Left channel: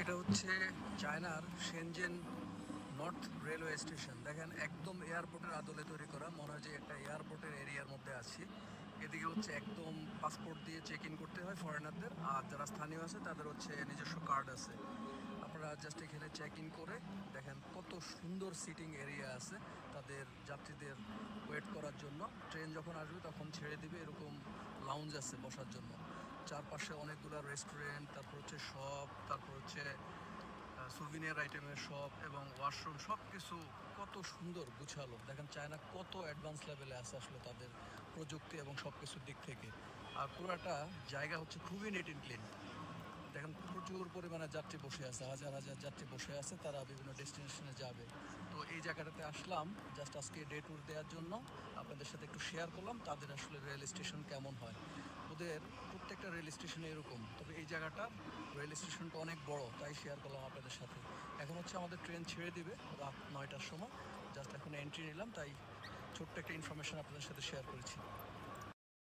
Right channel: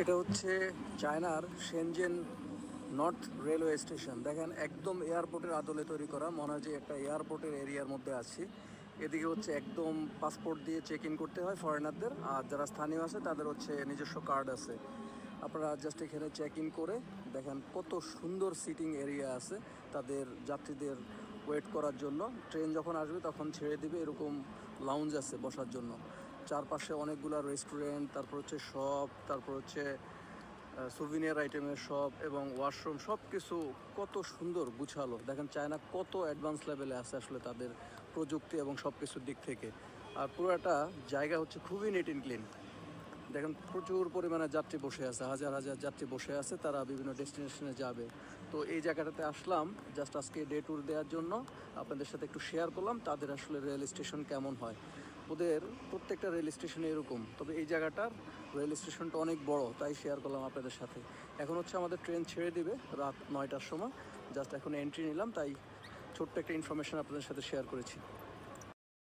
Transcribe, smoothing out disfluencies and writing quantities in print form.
এটা হচ্ছে চায়নার শেনজেন নর্থ রেলওয়ে স্টেশন। দেখেন একদম এয়ারপোর্টের আদলে তৈরি করা, মনে হয় যে একটা এয়ারপোর্টের এরিয়ার মধ্যে আছি। এদিকে হচ্ছে একদম পাসপোর্ট দিয়ে চেক ইন করতে হয় ফরেনারদের, আর যারা স্থানীয় আছে তাদের হচ্ছে নিজস্ব কার্ড আছে। আপনারা জাস্ট এখানে চেক ইন করে দেখেন কত সুন্দর সিটিং এরিয়া আছে তাদের যাত্রীদের ওয়েট করার জন্য। ট্রেন যখন আসবে তখন ছেড়ে দিবে, এরকম লাউঞ্জ আছে বসার জন্য। চারপাশে অনেকগুলো রেস্টুরেন্ট, তারপর হচ্ছে শপ, তারপর হচ্ছে সুভিনিয়ার আইটেমের শপ এবং ওয়াশরুম, সব কিছু কত সুন্দর গুছালো। দেখেন চায়না কত অ্যাডভান্স লেভেলে আছে আসলে তাদের প্রযুক্তি এবং সব কিছুর দিক থেকে। আর পুরোটা জায়গা হচ্ছে খুবই নিট অ্যান্ড ক্লিন। দেখেন প্রচুর পরিমাণে যাত্রী বসে আছে, হাজার হাজার যাত্রী বসে আছে, তারা বিভিন্ন ডেস্টিনেশনে যাবে। তো এই জায়গাটাতে আসলাম জাস্ট আজকে ডে ট্যুর দেওয়ার জন্য, আপনাদের সাথে একটু শেয়ার করলাম তাদের আসলে রেল স্টেশন কেমন হয়। ওদের প্রত্যেকটা রেল স্টেশনে এরকম, তবে এই জায়গাটার রেল স্টেশনটা অনেক বড়, তাই শেয়ার করলাম আপনাদের সাথে। এখন হচ্ছে আমাদের ট্রেন ছেড়ে দিবে রাত 9টার সময়, জাস্ট এখন এন্ট্রি নিলাম, তাই ছোট্ট একটা ইনফরমেশন আপনাদের সাথে শেয়ার করেছি।